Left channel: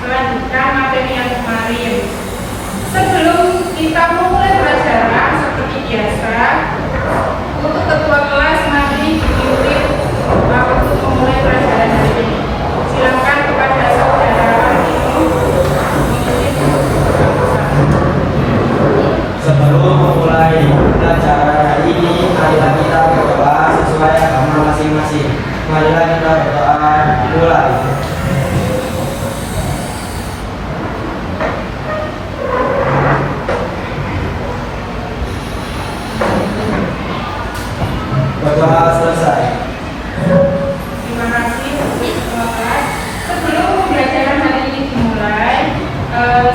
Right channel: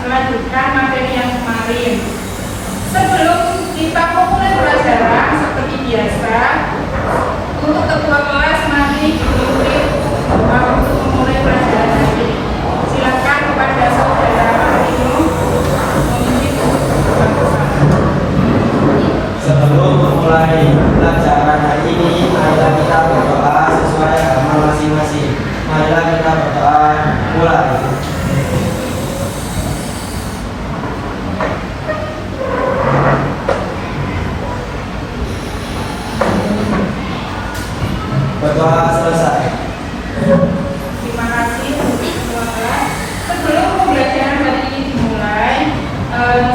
melanjutkan materi yang kemarin. Sebelum kita memulai pelajaran seperti biasa, untuk ketua kelas mari dipimpin untuk memulai pelajaran hari ini. Silakan kepada saudara Rantino memimpin bersama. Sebelum memulai pelajaran hari ini, marilah kita berdoa sesuai agama masing-masing. Marilah kita berdoa. Mulai. Berdoa selesai. Terima kasih untuk ketua kelas. Sebelum pembelajaran hari ini dimulai,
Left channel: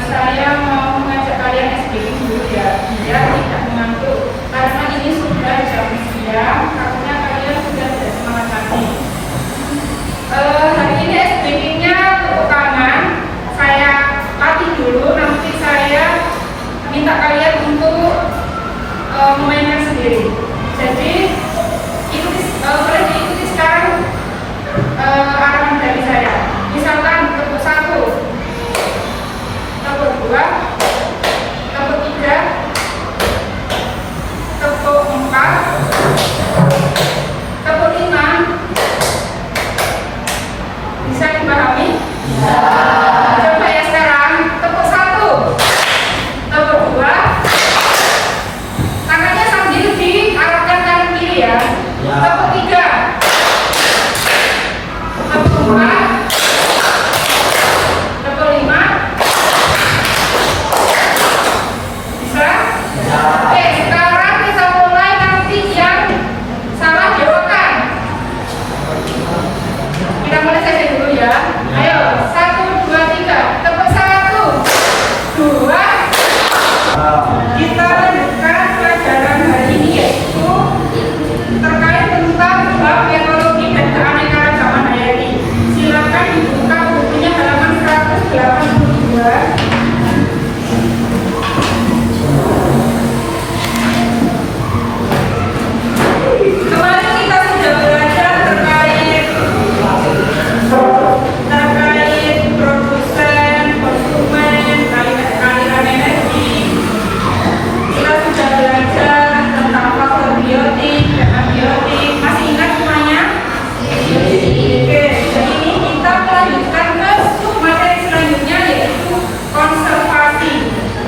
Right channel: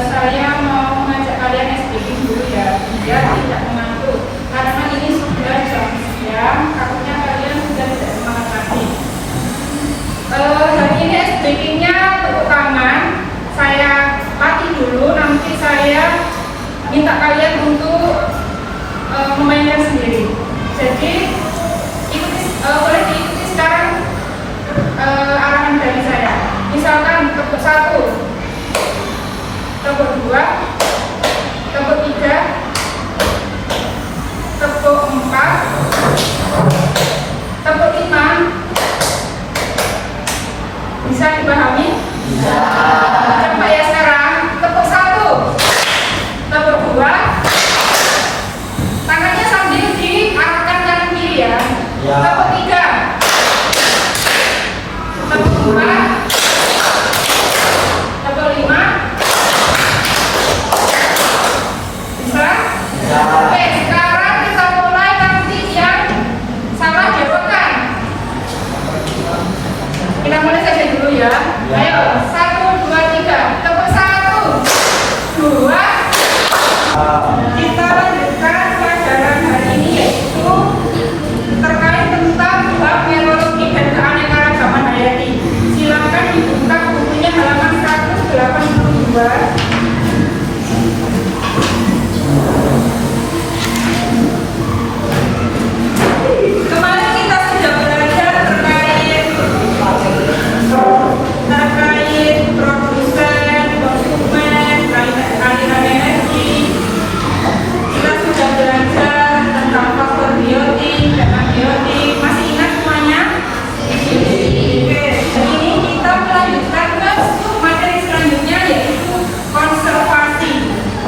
saya mau mengajak kalian SBK dulu ya, biar tidak mengantuk. Karena ini sudah jam siang, takutnya kalian sudah tidak semangat lagi. Hari ini SBK-nya tepuk tangan. Saya latih dulu, nanti saya minta kalian untuk memainkan sendiri. Jadi boleh diikuti sekarang arahan dari saya. Misalkan tepuk 1, tepuk 2, tepuk 3, tepuk 4, tepuk 5. Bisa dipahami? Bisa. Coba ya sekarang tepuk 1, tepuk 2, tangannya sambil diarahkan kanan kiri ya. Tepuk 3, tepuk 4, tepuk 5. Bisa? Bisa. Oke, sekarang kita mulai, nanti yang salah jawabkan. Kita mulai saja dulu ya. Ayo, 1, 2, 3. Tepuk 1, 2. Kita lanjutkan pelajaran hari ini, yaitu terkait tentang bab teknologi dan keanekaragaman hayati. Silakan dibuka bukunya halaman 182. Kemarin kita sudah belajar terkait produsen, konsumen, aliran energi. Kita sudah belajar tentang faktor biotik dan abiotik. Masih ingat semuanya? Oke, jadi ini kita melanjutkan ke materi selanjutnya, yaitu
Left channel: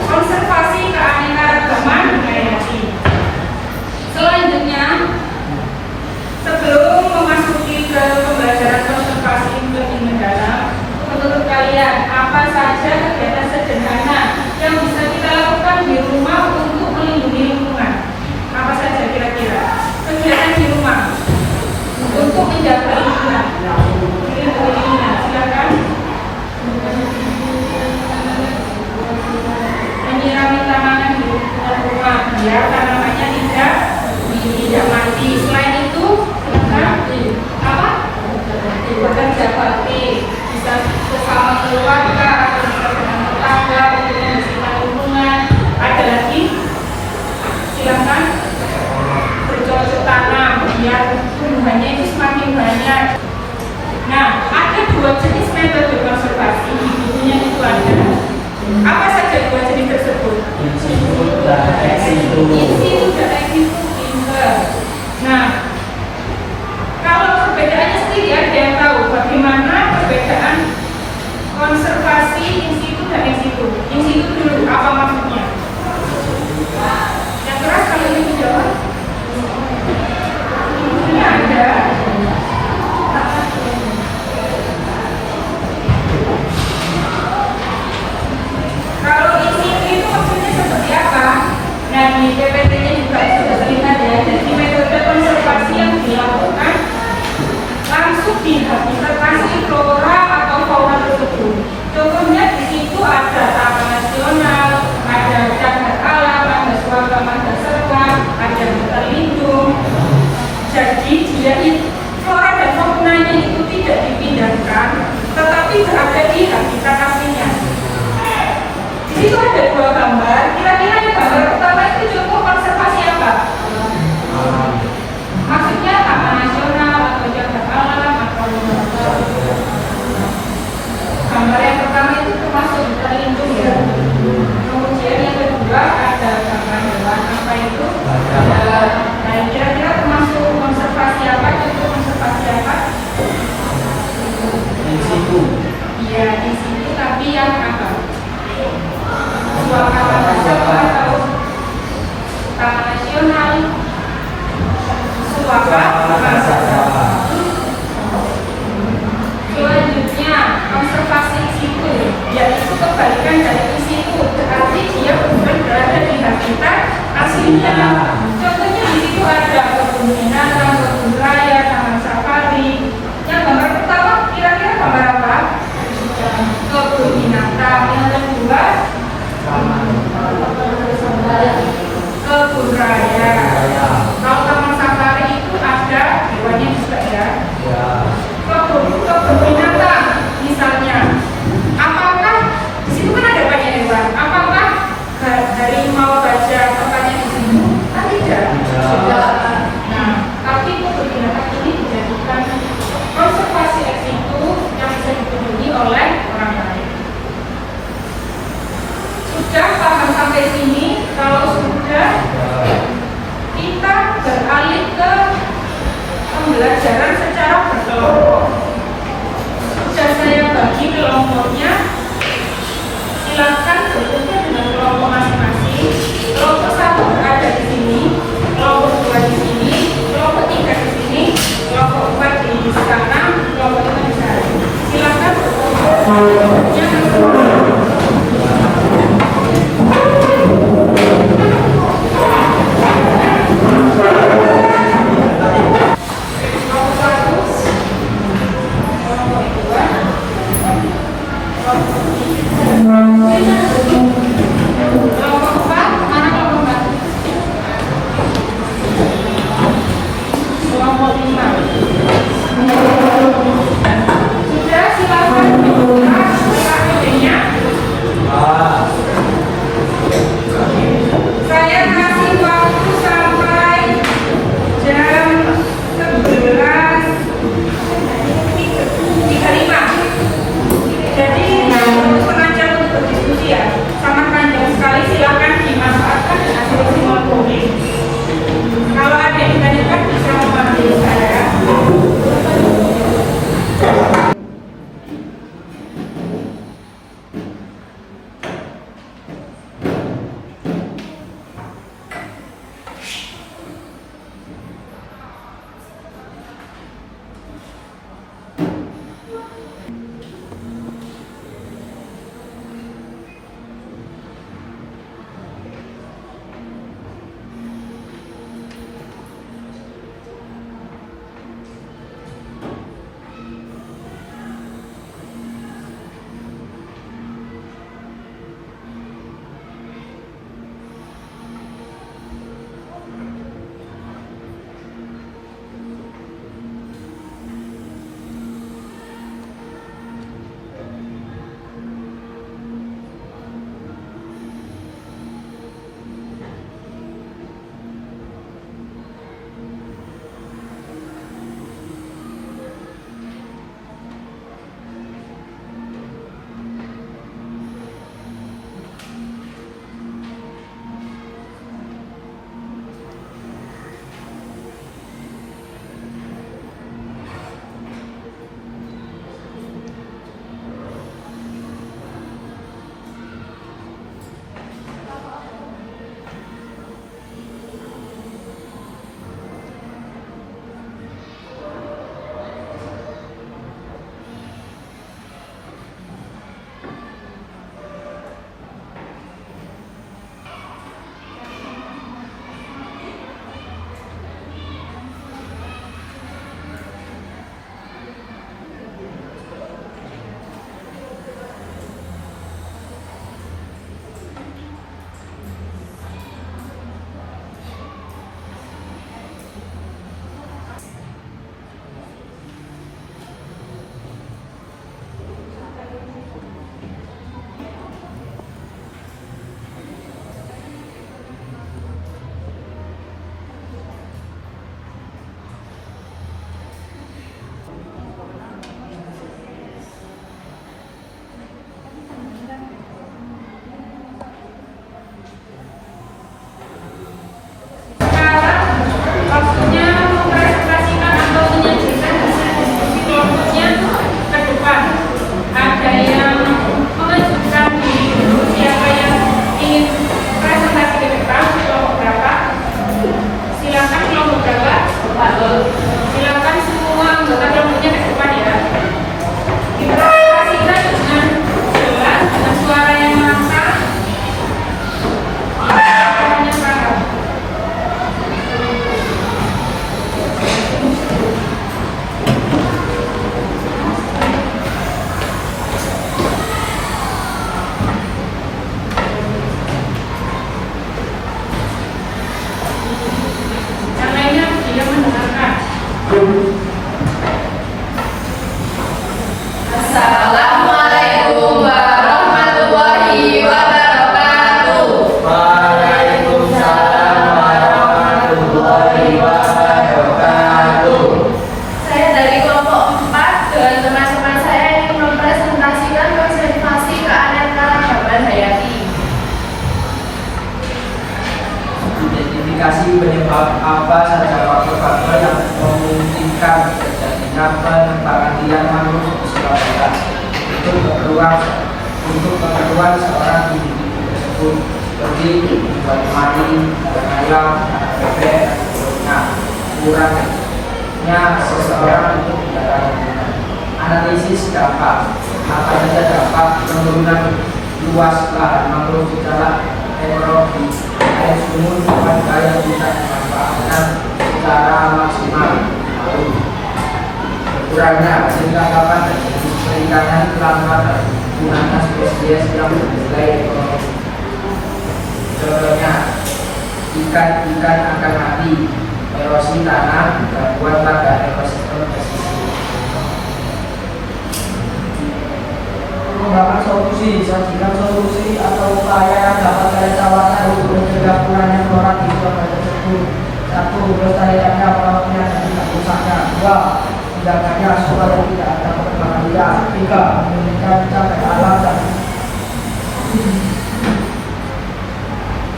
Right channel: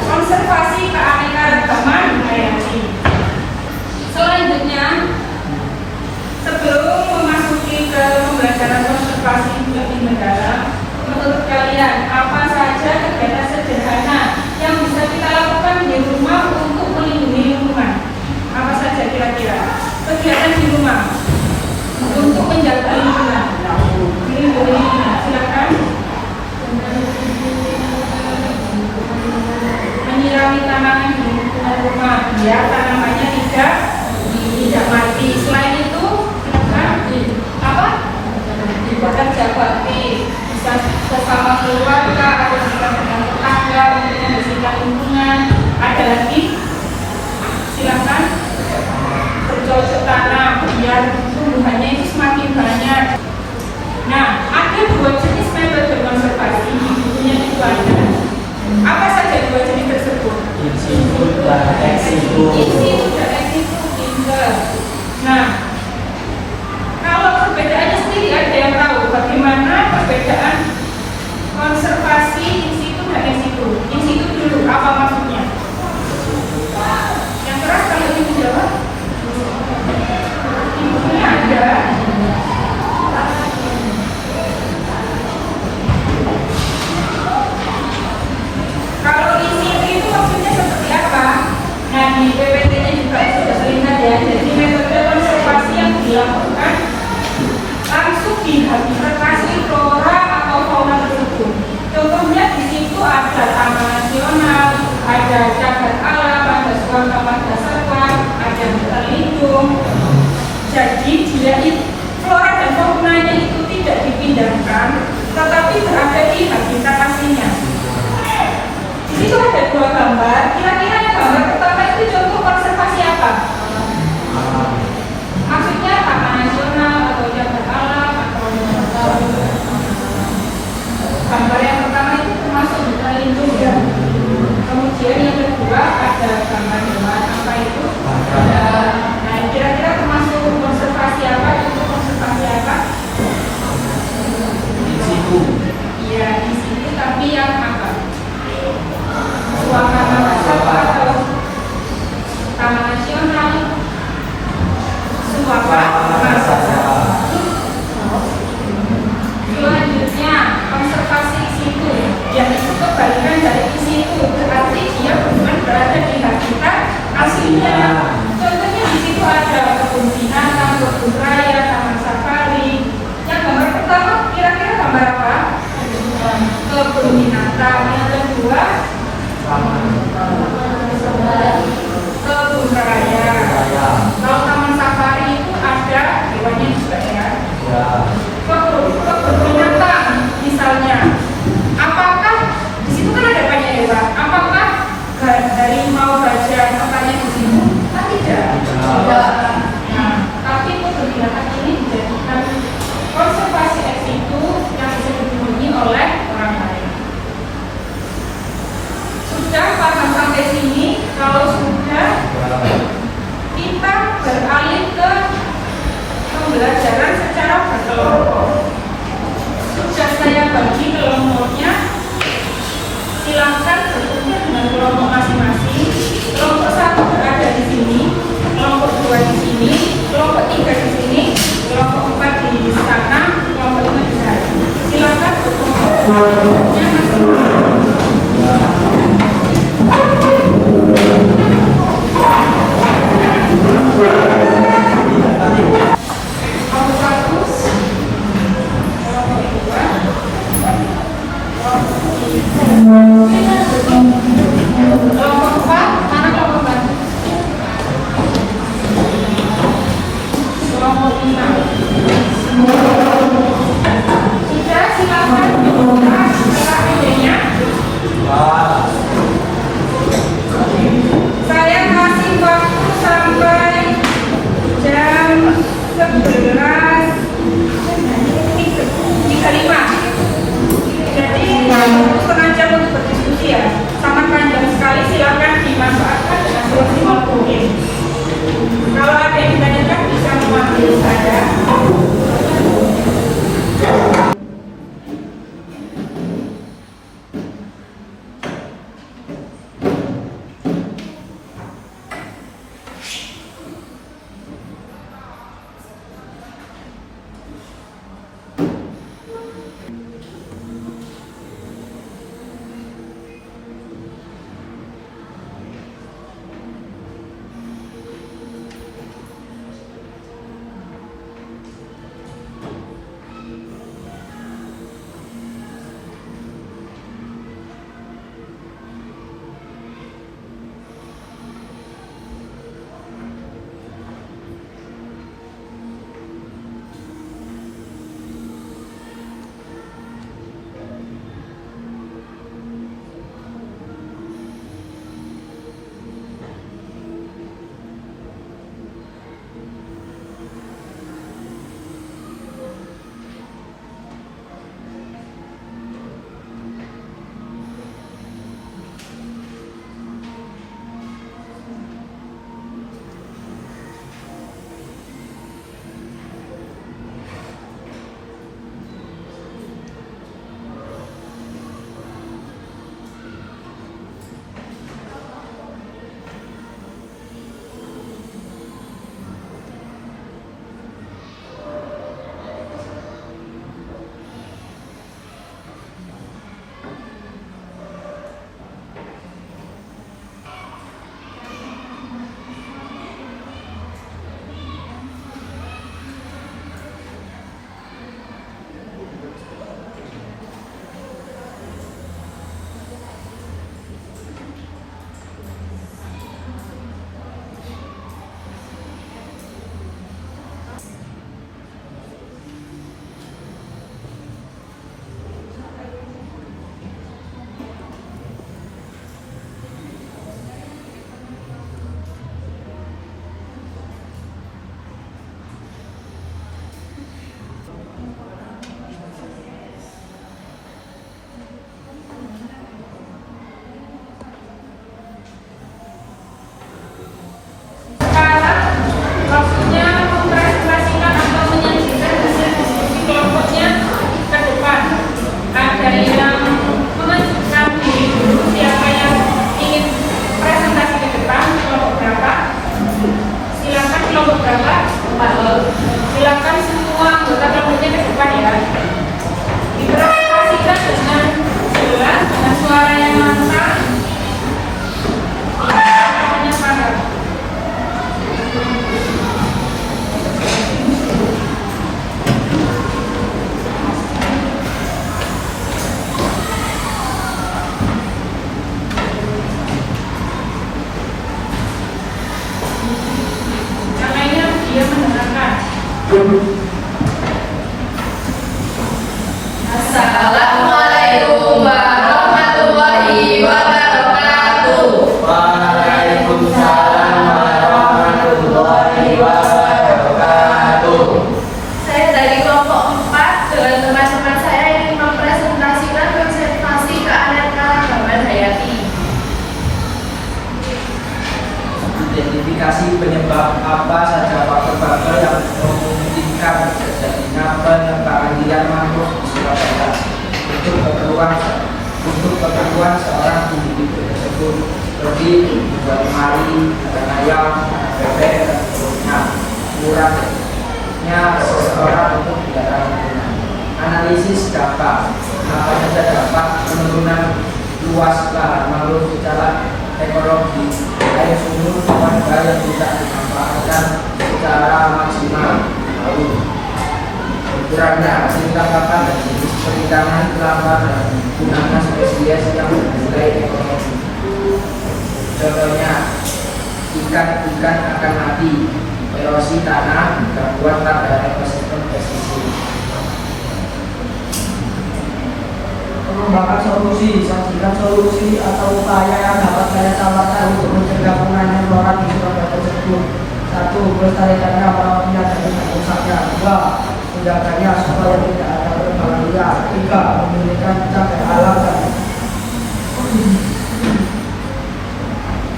konservasi keanekaragaman hayati. Selanjutnya, sebelum memasuki ke pembelajaran konservasi lebih mendalam, menurut kalian apa saja kegiatan sederhana yang bisa kita lakukan di rumah untuk melindungi lingkungan? Apa saja kira-kira kegiatan di rumah untuk menjaga lingkungan, melindungi lingkungan? Silakan. Menyirami tanaman di lingkungan rumah biar tanamannya tidak mati. Selain itu, silakan apa? Bekerja bakti, bisa bersama keluarga atau bisa dengan tetangga untuk membersihkan lingkungan. Ada lagi? Silakan bercocok tanam biar tumbuhannya itu semakin banyak. Nah, ada 2 jenis metode konservasi. Bukunya itu ada. Apa saja 2 jenis tersebut? In situ dan ex situ. In situ dan ex situ. Nah, kalau perbedaannya sendiri ada yang tahu bagaimana perbedaan konservasi in situ dan ex situ? In situ dulu, apa maksudnya? Yang keras kalau ini dijawab? Ini ada. Kalau in situ itu maksudnya seperti apa? Nah, di PPT-nya juga sudah terlihat ya. Jadi metode konservasi yang dilakukan langsung di habitatasi flora atau fauna tersebut. Contohnya di situ ada taman nasional, ada cagar alam, ada suaka pada serba, ada hutan lindung. Jadi dia flora dan faunanya itu tidak dipindahkan, tetapi berada di habitat aslinya. Di situ ada 2 gambar. Kira-kira yang gambar pertama itu contoh konservasi apa? Maksudnya taman nasional atau cagar alam atau gambar yang pertama itu situ. Iya, di situ tapi yang apa? Suasana nasional atau taman nasional, suasana saja. Selanjutnya, konservasi di situ, yaitu kebalikan dari di situ, berarti dia bukan berada di habitat aslinya. Contohnya di situ ada kebun binatang, kebun raya, taman safari. Yang gambar pertama kira-kira gambar apa? Kebun binatang. Yang kedua, kebun raya. Kalau taman safari itu ada hewannya juga ya. Ya. Kebun binatang misalnya, apakah di situ kan ada banyak hewan? Apakah harimau, gajah tempatnya di sini? Kan tidak. Nah, tapi kebun binatang ini dijadikan konservasi ex situ yang bisa dikunjungi oleh orang lain. Sudah paham sampai sini? Kalau sudah, kita beralih ke pembelajaran secara berkelompok. Sudah saya bagi kelompoknya, silakan berkumpul dengan kelompok masing-masing. Kelompok 1 berada di sini, kelompok 2 di sini, kelompok 3 di sini, kelompok 4 di sana, kelompok 5 di sana. Silakan berkumpul kelompoknya masing-masing. Saya kasih waktu sampai jam 11.35. Jadi setengah jam untuk berdiskusi ya. Sangat panjang sekali, silakan dimanfaatkan dengan semaksimal mungkin. Kalau ada yang ditanyakan bisa memanggil saya. Ada yang mengajukan diri dulu, siapa yang ingin presentasi ke depan, kelompok berapa? Silakan kelompok berapa? Silakan semua anggota kelompoknya ke depan ya. Dipresentasikan dengan jelas, dengan suara yang lantang, hanya para. Yang lainnya dia mendengarkan. Assalamualaikum warahmatullahi wabarakatuh. Waalaikumsalam warahmatullahi wabarakatuh. Saya dari kelompok 4 dengan teman-teman saya ingin mempresentasikan konservasi keanekaragaman hayati. Identifikasi penyebab apa saja faktor-faktor yang memungkinkan terjadinya pengembangan liar mangrove di Surabaya untuk keperluan seorang individu tersebut, seperti dibuat lemari, kandang ayam, bebek, dan seterusnya. Kurangnya seseorang untuk kendaraan lingkungan. Analisis dampak. Apa saja dampak penurunan luas lahan mangrove secara ekonomi, air sumur, warga yang tidak dimanfaatkan secara maksimal, berkurangnya hasil tangkapan dan jenis perikanan selama menggunakan spesies yang bernilai ekonomi. Contohnya, ikan akan mati, erosi tanah, gangguan pada ekosistem pesisir. Mengembangkan solusi, sajikan solusi atau upaya yang dapat saya tawarkan untuk mencegah punahnya flora di Surabaya tersebut. 1. Melestarikannya melalui dan tidak rusaknya. 2. Menjaganya supaya tidak ada perkembangan liar. 3. Memulihkan cagar alam dan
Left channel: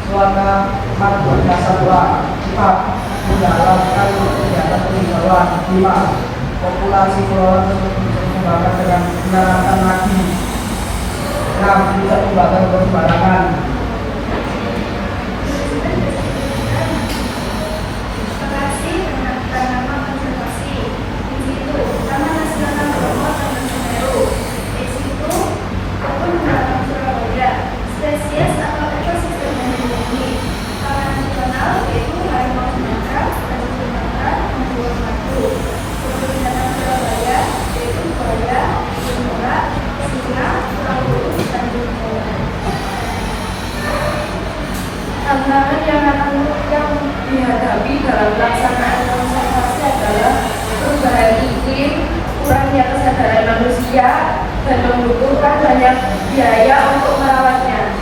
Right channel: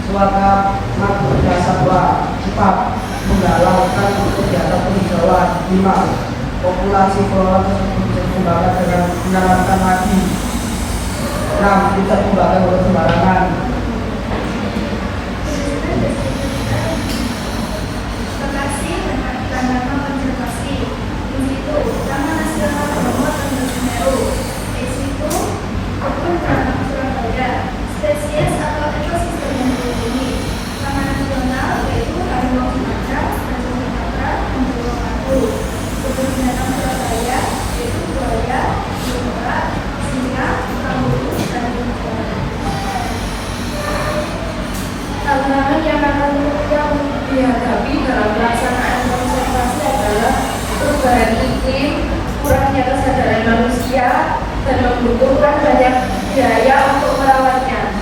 suaka makhluknya satwa. 4. Mendalaman kegiatan penghijauan. 5. Populasi flora tersebut dikembangkan dengan menerangkan lagi. 6. Tidak membangun oleh sembarangan. Lokasi dan tanaman konservasi. Di situ, Taman Nasional Bromo dan Semeru. Di situ, kebun binatang Surabaya. Spesies atau ekosistem yang dilindungi. Taman Nasional yaitu harimau Sumatera, harimau Sumatera, dan Jawa Batu. Kebun binatang Surabaya yaitu buaya, bunga, singa, kanguru, dan berbeda. Tantangan yang dihadapi dalam pelaksanaan konservasi adalah perubahan iklim, kurangnya kesadaran manusia, dan membutuhkan banyak biaya untuk merawatnya.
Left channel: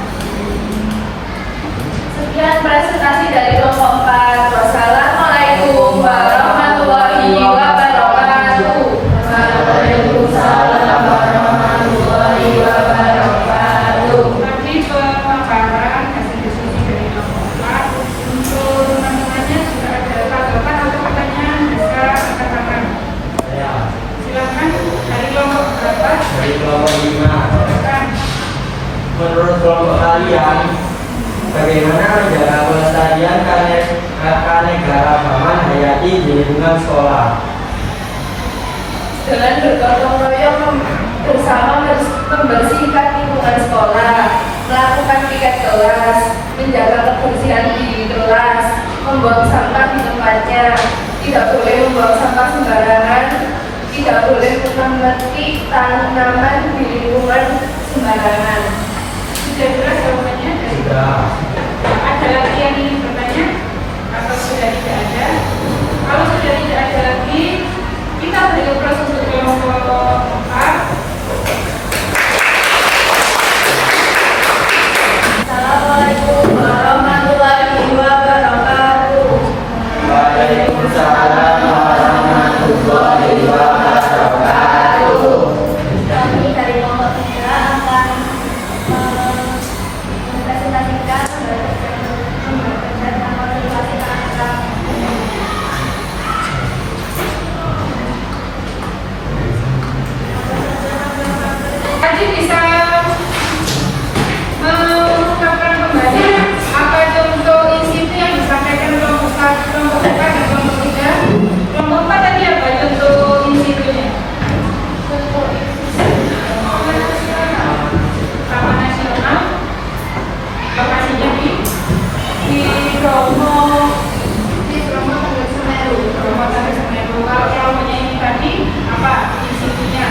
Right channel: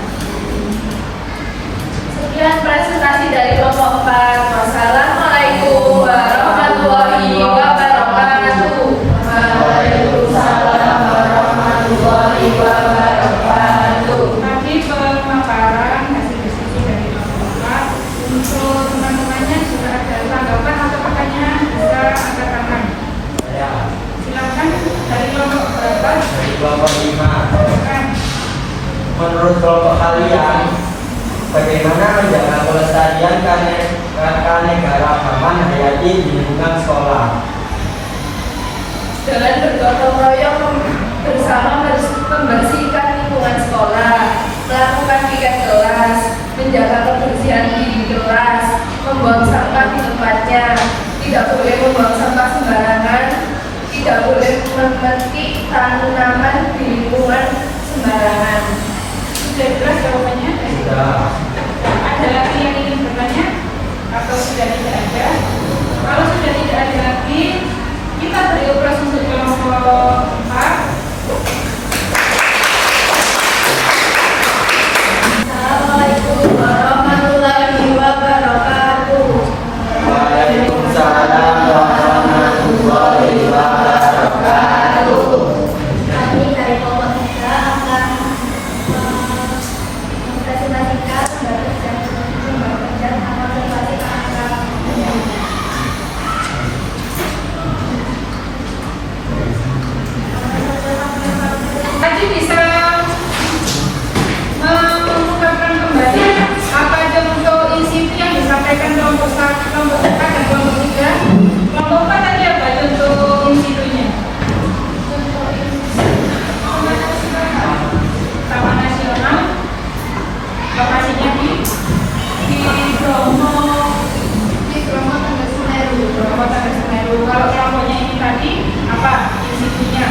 Sekian presentasi dari kelompok 4. Wassalamualaikum warahmatullahi wabarakatuh. Waalaikumsalam warahmatullahi wabarakatuh. Nanti pemaparan hasil diskusi dari kelompok 4. Untuk teman-temannya juga ada tanggapan atau pertanyaan, bisa angkat tangan. Ya, Silakan dari kelompok berapa? dari kelompok 5. Silakan. Menurut kelompok kalian, bagaimana menjaga pelestarian keanekaragaman hayati di lingkungan sekolah? Dengan bergotong royong bersama membersihkan lingkungan sekolah, melakukan piket kelas, menjaga kebersihan di kelas, membuang sampah di tempatnya, tidak boleh membuang sampah sembarangan, tidak boleh memetik tanaman di lingkungan sembarangan. Sudah jelas jawabannya? Sudah. Ada lagi yang ingin bertanya? Atau sudah tidak ada? Kalau sudah tidak ada lagi, kita beri proses untuk kelompok 4. Assalamualaikum warahmatullahi wabarakatuh. Waalaikumsalam warahmatullahi wabarakatuh. Kami dari kelompok 3 akan mempresentasikan baik dan amal pribadi anak. Tadi bisa mengungkapkan kembali apa contoh insitu yang disampaikan kelompok 4 dan kelompok 3. Kelompok 4 tadi apa contoh insitunya? Taman Nasional, lokasinya di Bromo Tengah Semeru. Kalau kelompoknya ini tadi apa insitunya?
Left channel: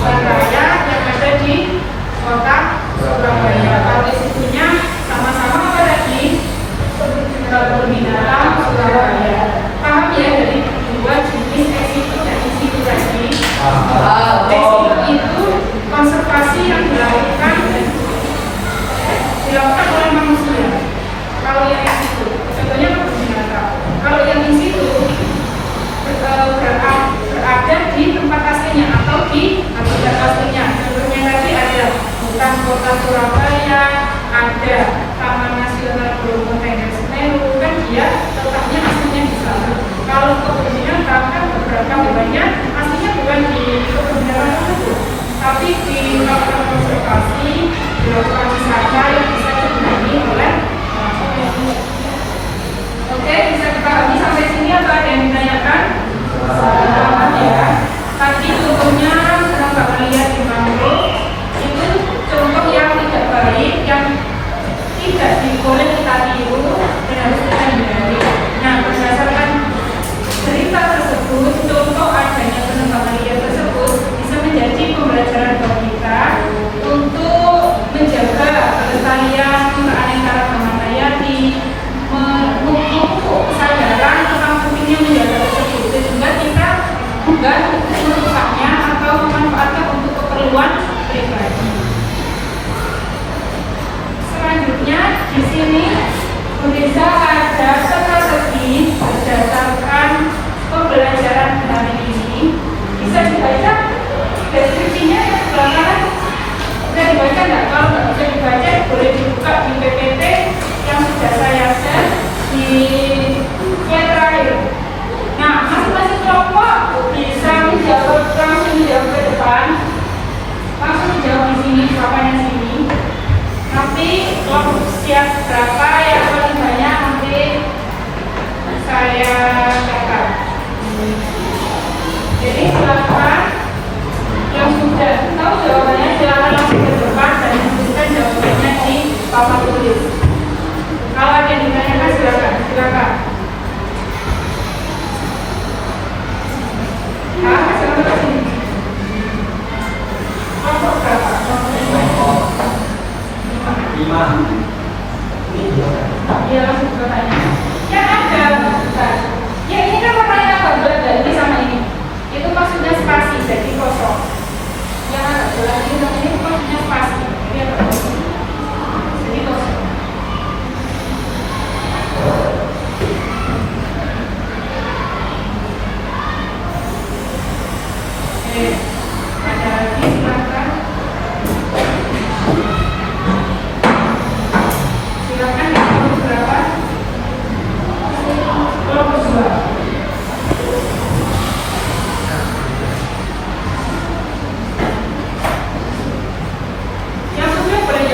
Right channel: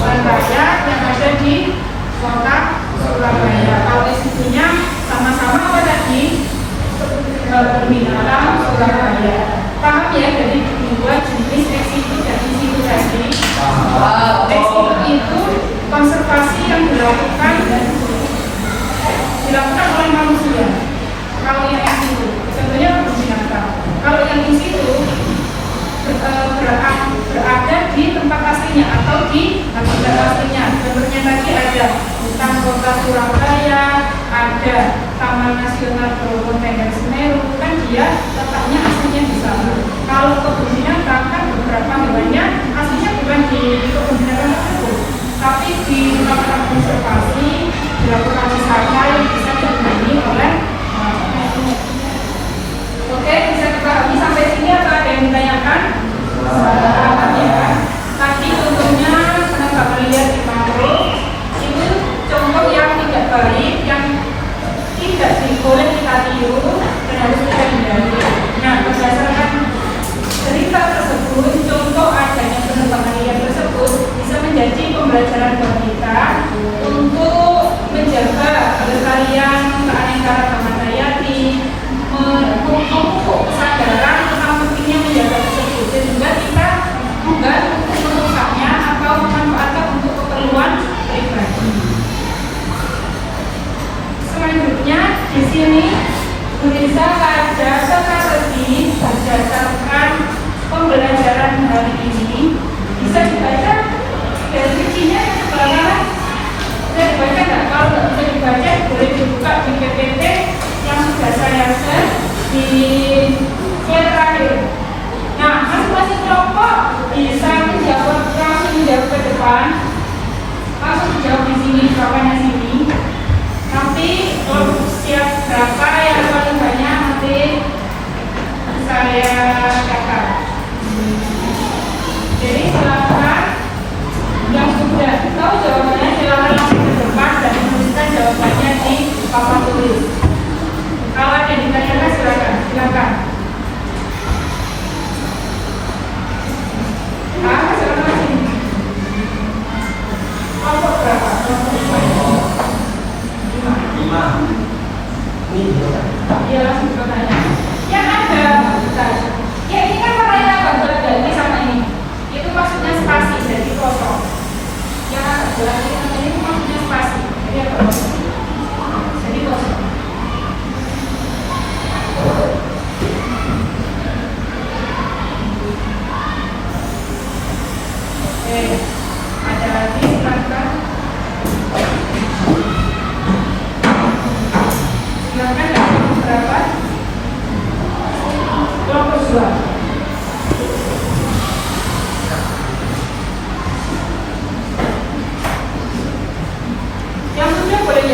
Surabaya yang ada di kota Surabaya. Kalau insitunya sama-sama apa tadi? Perbinaan Surabaya. Paham ya dari dua jenis eksitu dan insitu tadi? Eksitu itu konservasi yang dilakukan oleh manusia. Kalau yang eksitu, contohnya kebun binatang. Kalau yang insitu berada di tempat aslinya atau di habitat aslinya. Contohnya tadi ada hutan kota Surabaya, ada Taman Nasional Bromo Tengger Semeru, kan dia letaknya aslinya di sana. Kalau kebun binatang kan beberapa hewannya aslinya bukan di kebun binatang tersebut, tapi dilakukan konservasi, dilakukan wisata yang bisa digunai oleh orang. Oke, bisa dipahami sampai sini atau ada yang ditanyakan? Selamat ya. Tadi contohnya menambah melihat di mangrove itu contoh yang tidak baik, yang tidak boleh kita tiru dan harus kita hindari. Nah, berdasarkan cerita tersebut, contoh adanya penebangan liar tersebut bisa menjadi pembelajaran buat kita untuk menjaga kelestarian keanekaragaman hayati, memupuk kesadaran tentang pentingnya menjaga tersebut, sehingga kita bukan merusaknya atau memanfaatkan untuk keperluan pribadi. Selanjutnya di sini bisa ada strategi berdasarkan pembelajaran hari ini. Bisa dibaca deskripsinya belakangan. Bisa dibaca nggak? Kalau nggak bisa dibaca, boleh dibuka di PPT yang sudah saya share di slide terakhir. Nah, masing-masing kelompok bisa menjawab, langsung menjawab ke depan, langsung menjawab di sini, bawahnya sini. Tapi kelompok siap berapa yang paling banyak nanti saya catat. Jadi silakan yang sudah tahu jawabannya silakan langsung ke depan dan menuliskan jawabannya di papan tulis. Kalau ada yang ditanyakan silakan. Silakan sini. Kelompok berapa? 5. Ini Ya langsung bertanya. Yang ada, ya ini kan warnanya gambar dari sama ini. Itu maksudnya spasi, jadi kosong. Yang ada bulan ini itu maksudnya spasi, jadi apa? Jadi kosong. Ada lagi silakan. Silakan berapa? Kelompok 2. Yang sudah boleh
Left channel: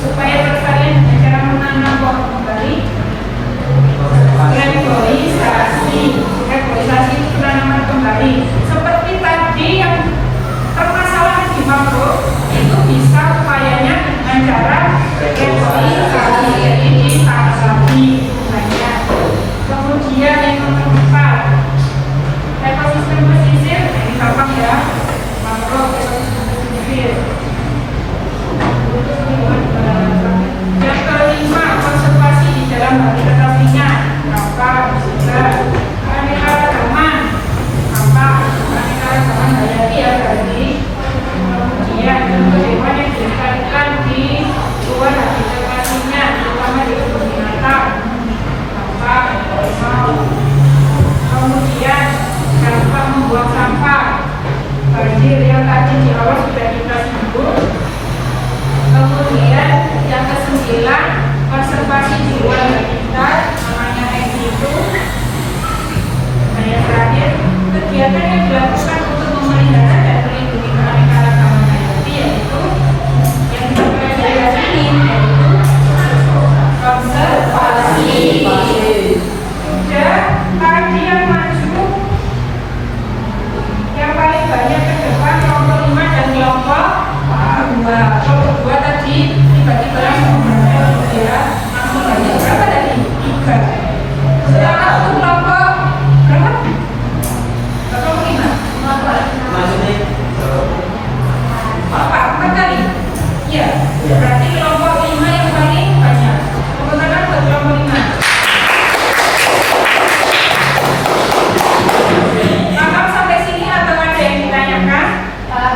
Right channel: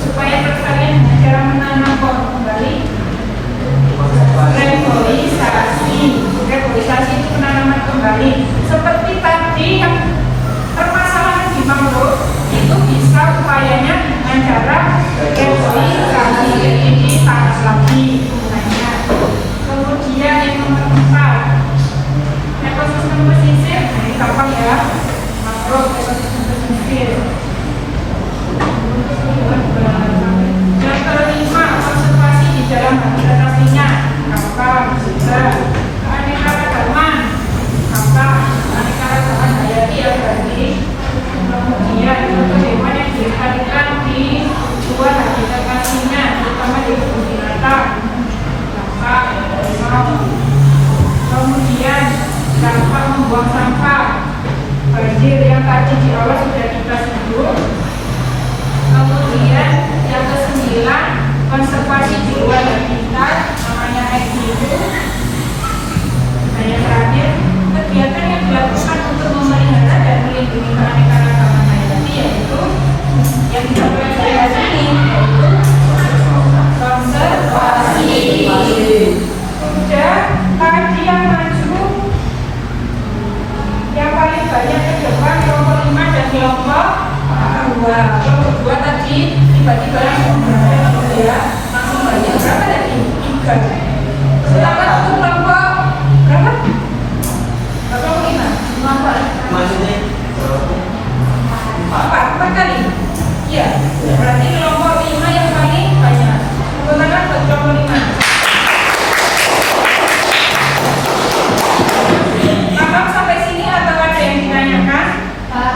Supaya pelestarian dengan cara menanam pohon kembali. Reboisasi itu penanaman kembali. Seperti tadi yang permasalahan di mangrove itu bisa upayanya dengan cara reboisasi, jadi ditanam lagi bunganya. Kemudian yang nomor 4, ekosistem pesisir. Nah, ini gampang ya, mangrove ekosistem pesisir. Yang kelima, konservasi di dalam habitat aslinya. Gampang, bisa. Keanekaragaman, gampang. Keanekaragaman hayati ya berarti. Kemudian contoh hewan yang dilestarikan di luar habitat aslinya, terutama di kebun binatang. Gampang, harimau. Kemudian dampak membuang sampah. Banjir yang tadi di awal sudah kita singgung. Kemudian yang ke-9, konservasi di luar habitat, namanya itu. Dan yang terakhir, kegiatan yang dilakukan untuk memelihara dan melindungi keanekaragaman hayati, yaitu yang kita pelajari ini, yaitu konservasi. Sudah tadi yang maju, yang paling banyak ke depan kelompok 5 dan kelompok 2. Kelompok 2 tadi tiba-tiba langsung banyak berapa tadi? 3. Setelah itu kelompok berapa? Kelompok 5. 4 kali? Iya. Berarti kelompok 5 yang paling banyak. Tepuk tangan buat kelompok 5. Paham sampai sini atau ada yang ditanyakan?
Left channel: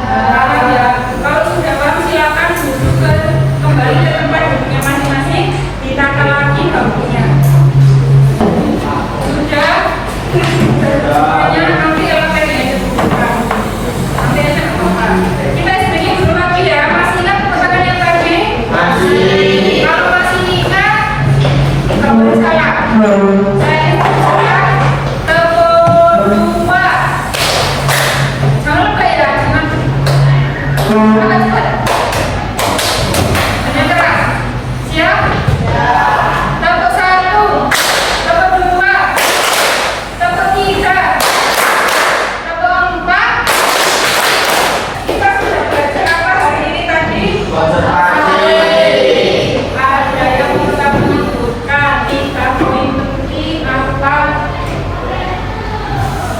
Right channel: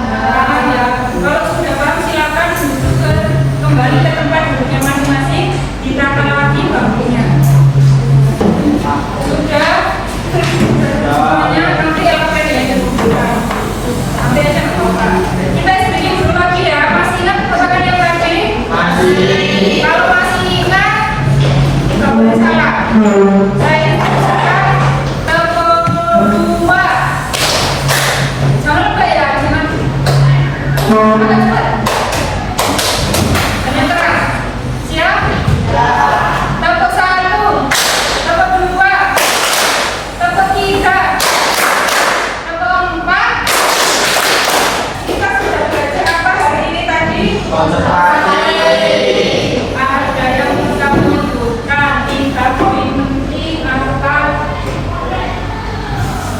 Paham ya. Kalau sudah paham silakan duduk kembali ke tempat duduknya masing-masing, ditata lagi bangkunya. Sudah? Semuanya nanti elemen yang dudukkan. Nanti aja apa-apa. Kita sedikit dulu lagi ya. Masih ingat pertanyaan yang tadi? Masih. Kalau masih ingat, nggak boleh salah. Saya ingat telepon 2. Jangan lupa ya, jangan. Cepat. Terang. Siap? Tepuk 1, tepuk 2, tepuk 3, tepuk 4. Kita sudah belajar apa hari ini tadi? Ada yang kita menyebutkan 3 poin penting atau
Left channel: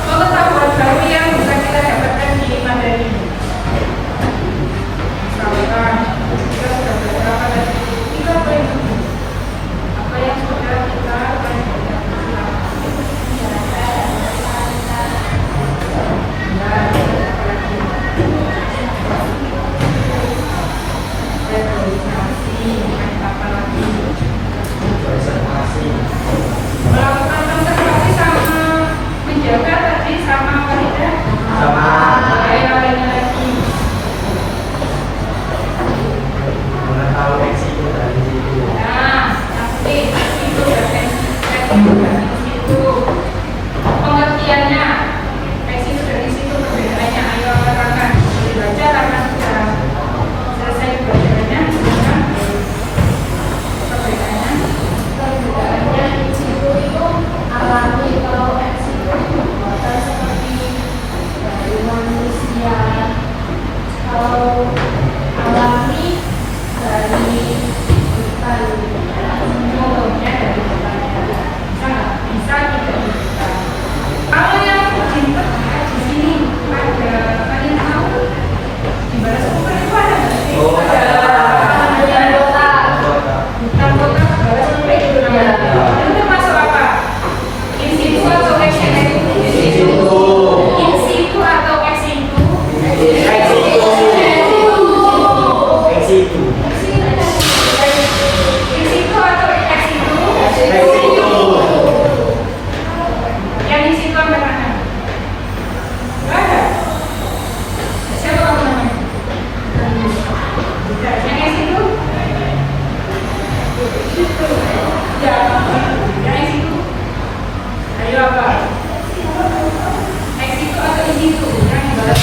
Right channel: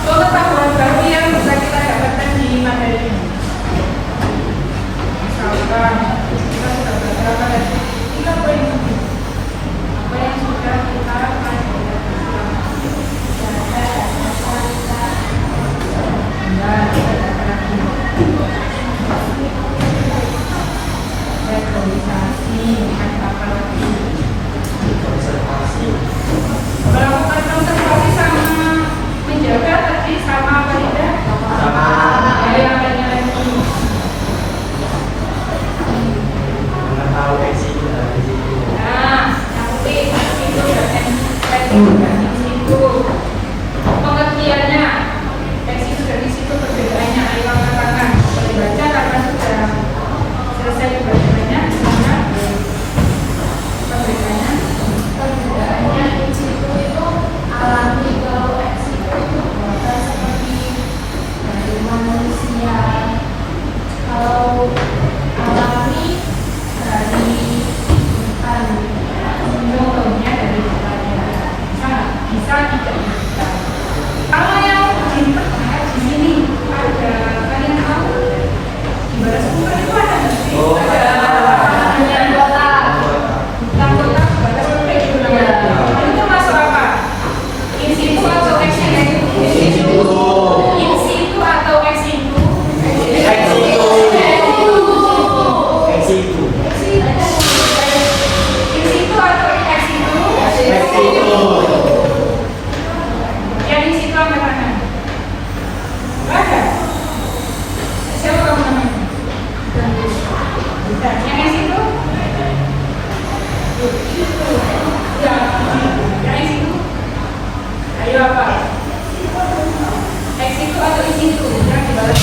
pengetahuan baru yang bisa kita dapatkan di materi ini. Misalkan kita sudah belajar apa tadi? 3 poin penting. Apa yang sudah kita pelajari selama ini? Ya, ada apa lagi? Reboisasi, ada apa lagi? Melakukan konservasi sama menjaga tadi sama apa tidak? Sama. Ada yang lainnya lagi? Tahu eksekusi dari situ. Nah, nanti itu dari situ pengertiannya, teks itu dari situ perbedaannya. Ayo katakan, dibaca karena sudah selesai perbedaannya. Silakan. Perbedaannya. itu alami. Kalau eks itu seperti dari manusia. Kalau alami dari depan. Contohnya dari depannya. Sangat bisa tidak bisa. Kalau yang di sini ada, kalian tahu di balas sumber itu ada nggak sih? Oh, ada. Yang kota, balas sumber itu namanya. Itu termasuk apa? In situ atau ex situ? In situ atau ex situ? Eksekusi. In situ atau ex situ? Yang di situ sampai mana? Nggak ada. Siapa tahu namanya? Yang di situ? Ya. Yang di situ? Ayo apa? Ex situ atau in situ? Yang di balas.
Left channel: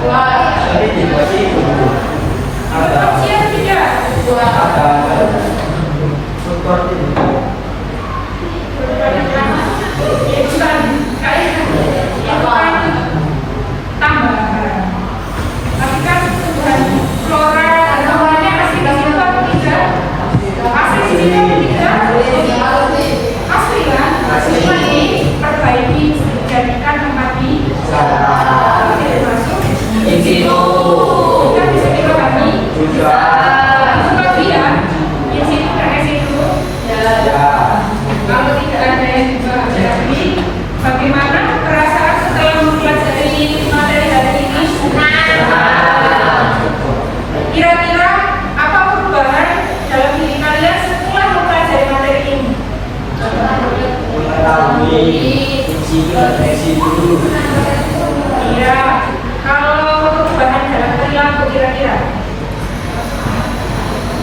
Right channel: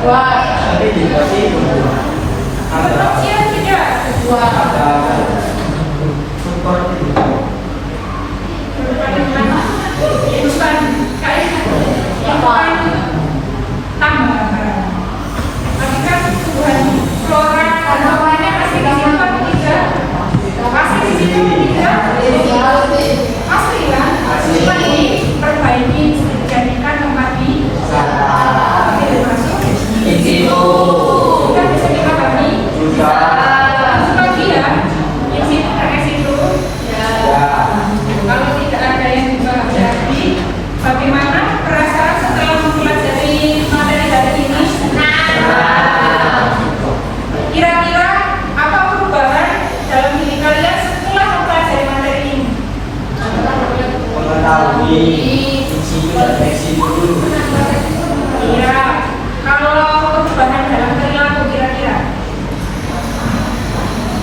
Tapi masih Berfungsi atau tidak? seperti itu. Berbandingkan itu kan kayak itu kan tambahan. Tapi kan tumbuhan flora dan semuanya asli di situ apa tidak? Asli di situ apa tidak? Asli kan? Cuma ini perbaiki jadikan tempat di Salah. tidak masuk. Itu Kita bisa kita kami juga sebagian di situ kan situ. Kalau tidak ada yang dipelajari, bagaimana perasaan setelah mempelajari materi hari ini? Kira-kira apa perubahan dalam diri kalian setelah mempelajari materi ini? mengetahui fungsi dan fungsi dulu. Iya, kalau perubahan dalam perilaku kira-kira?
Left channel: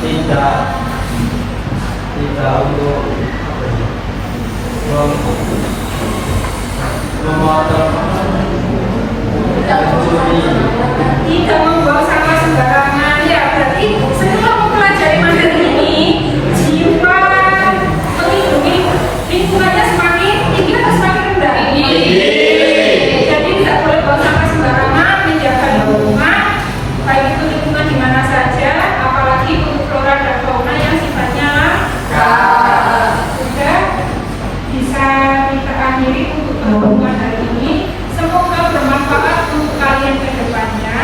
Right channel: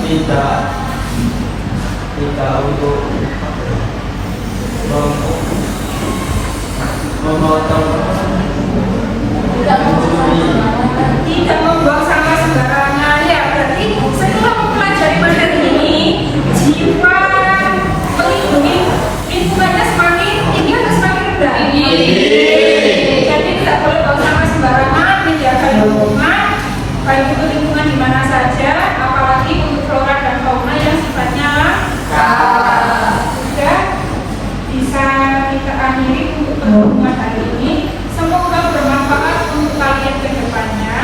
Tidak untuk memotong mencuri. Tidak membuang sampah sembarangan. Ya, berarti setelah mempelajari materi ini, jiwa melindungi lingkungannya semakin tinggi atau semakin rendah? Jadi tidak boleh buang sampah sembarangan, menjaga lingkungan, baik itu lingkungan di mana saja, apalagi untuk flora dan fauna yang sifatnya langka. Sudah bisa kita akhiri untuk pertemuan hari ini. Semoga bermanfaat untuk kalian ke depannya.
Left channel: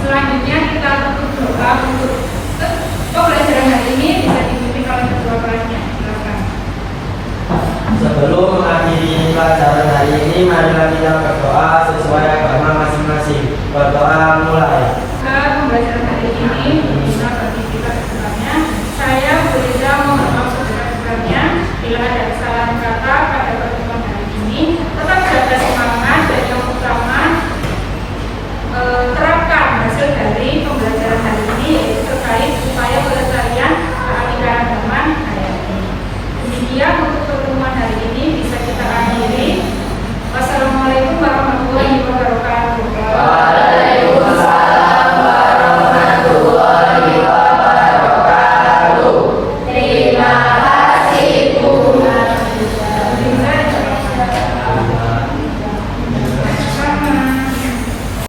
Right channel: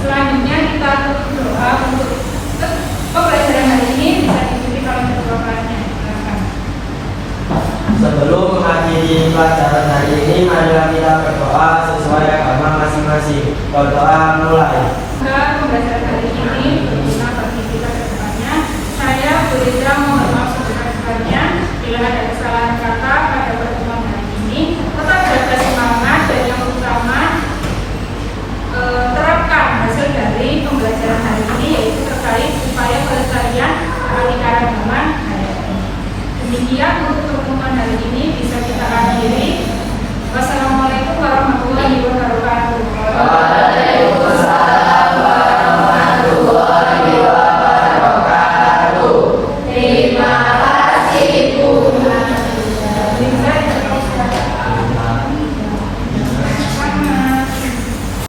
Selanjutnya kita tutup doa untuk pembelajaran hari ini bisa diikuti oleh kedua kelasnya. Silakan. Sebelum mengakhiri pelajaran hari ini, marilah kita berdoa sesuai agama masing-masing. Berdoa mulai. Semoga pembelajaran hari ini berguna bagi kita ke depannya. Saya berusaha mohon maaf sebesar-besarnya bila ada kesalahan kata pada pertemuan hari ini. Tetap jaga semangat dan yang utama terapkan hasil dari pembelajaran hari ini, yaitu terkait upaya pelestarian keanekaragaman hayati. Demikian untuk